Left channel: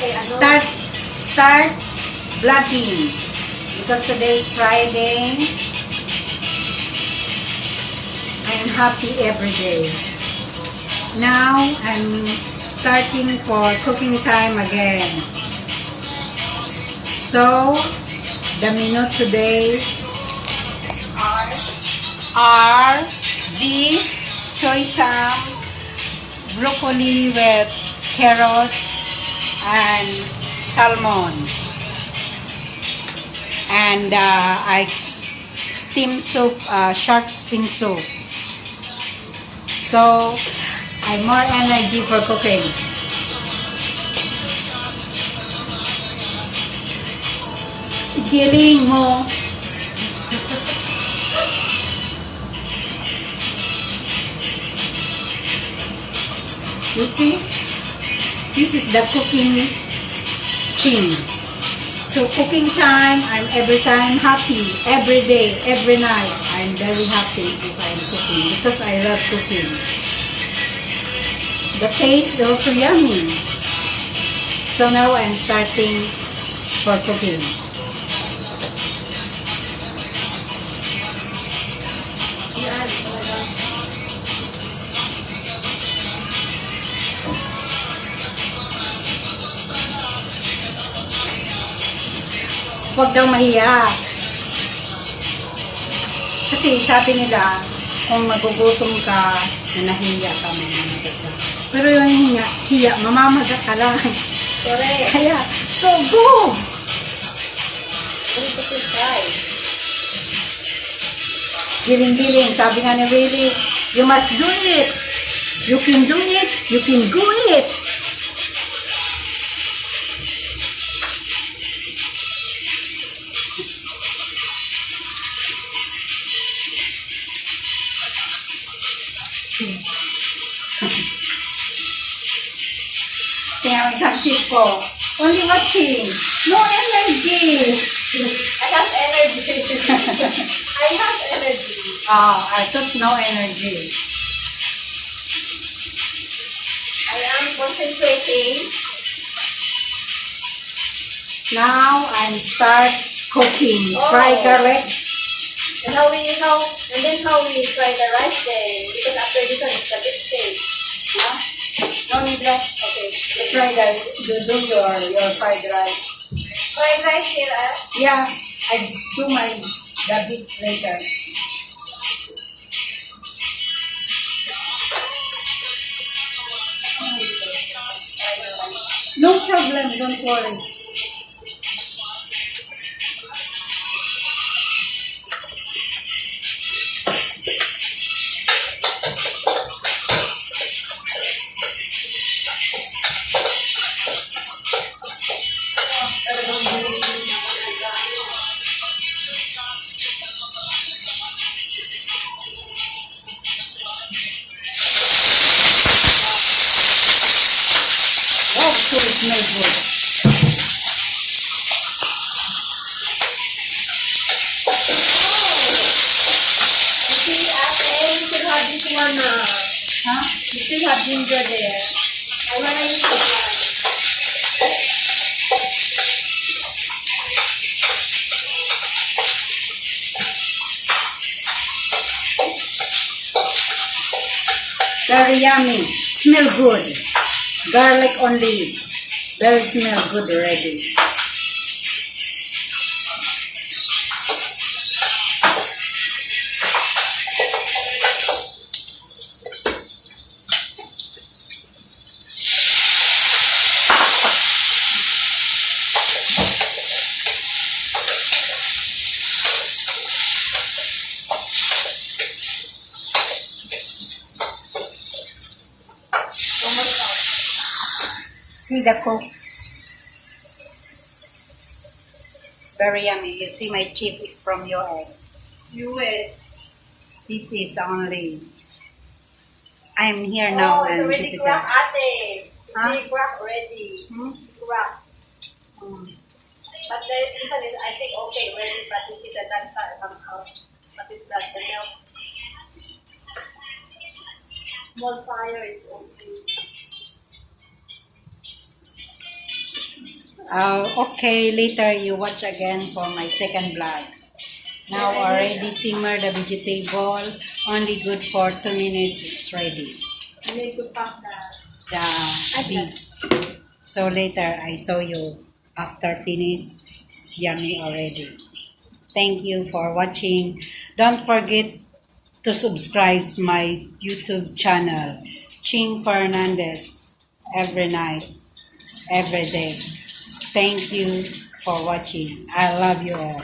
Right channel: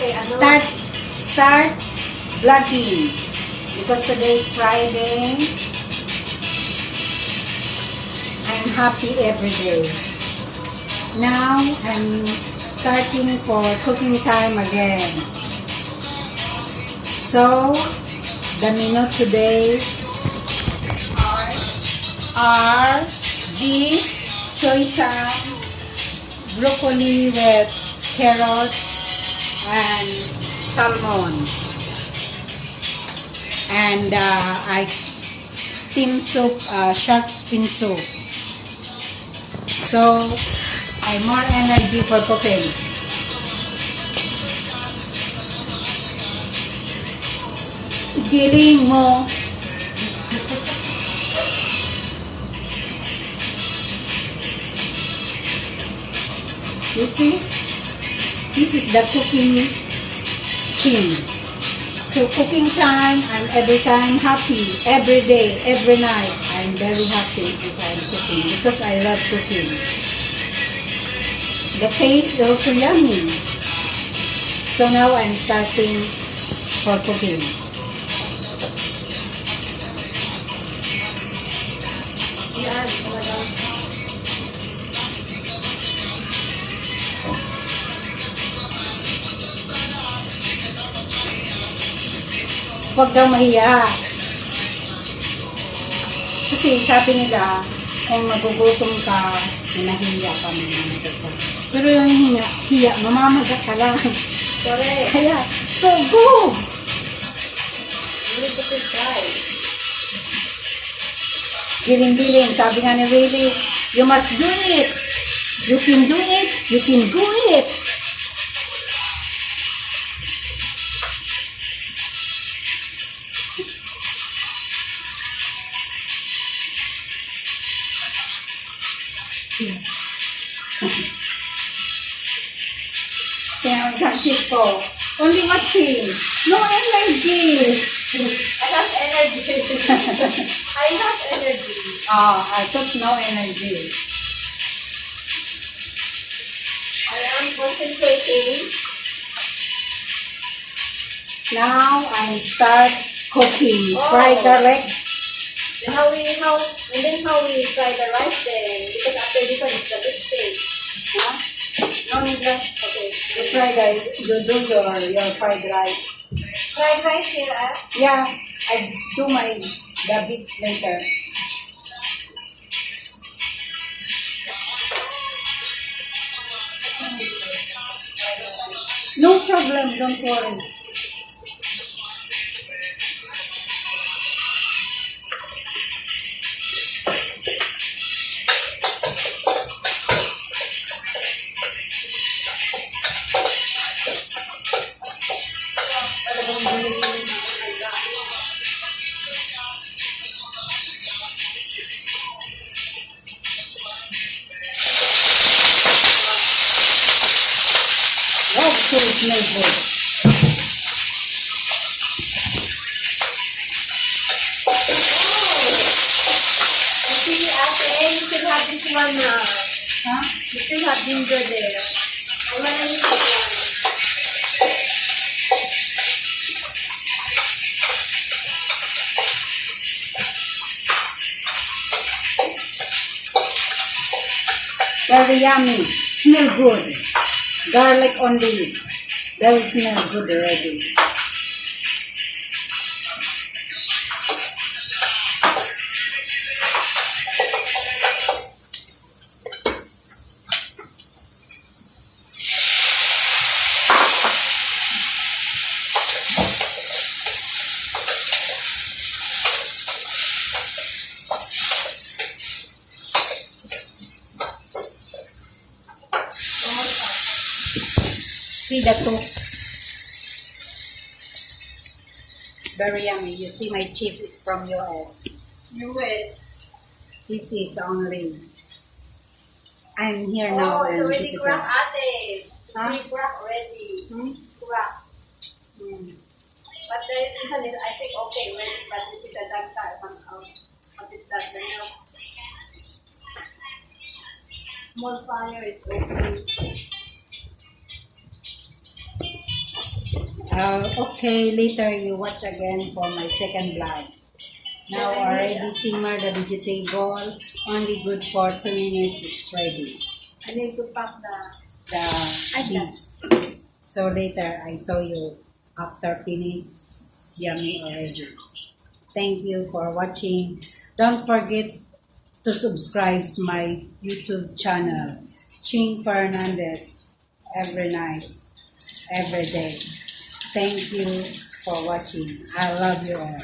start vlogging because today is Friday. I'm happy every day. Now I'm starting for cooking time again. So the menu today are beef, choy sam, broccoli with carrots and salmon, and I steam soup, shark steam soup. So I'm more energy for cooking. Giling mo. You see, this is the cooking Ching. So cooking time, I'm every time happy. Every day, every night, I'm very happy if I'm cooking because I love cooking. The taste is also yummy. So now I'm starting for cooking. Huwag daw mahiya. Kasi sabi nila, kung magugutom ka, na nahiya ka, mamamatay ka. Pero yung hiya, mamamagat ka lang. Correct. Kaya, so go! Giling-giling. Sabi nga ni Willie, you must do it. You can do it. You can do it. Kaya isang chip ko, only watching, no energy. I have energy. I have energy. I took no energy. I am concentrating. Now I start cooking. Fry garlic. And how we fry the rice then? Because after this one it's a big steak. Huh? No need rice. Okay. You fry you do your fried rice. Fried rice here, Yeah, I do the bit later. No problem, don't worry. That should smell good. See, you still have this one. Huh? You still have ginger there. I want to use this one. Very yummy. Smell good. Garlic only. Very smell good already. See the cook. It's very yummy. You see my chip is from US. US. This is only. I'm here now it's and already cracked, ate. Huh? It's cracked already. Cracked. Mm. But the one is, I think, okay, ready, but this is a danta comes out. What is that? The milk. Small fire is okay. Okay, later you watch again for my second vlog. Now already simmer the vegetable. Only good for 2 minutes is ready. I need to pack The beef. So later I show you after finish. It's yummy already. Thank you for watching. Don't forget to subscribe to my YouTube channel, Ching Fernandez, every night, every day. Thank you for watching. I love you all.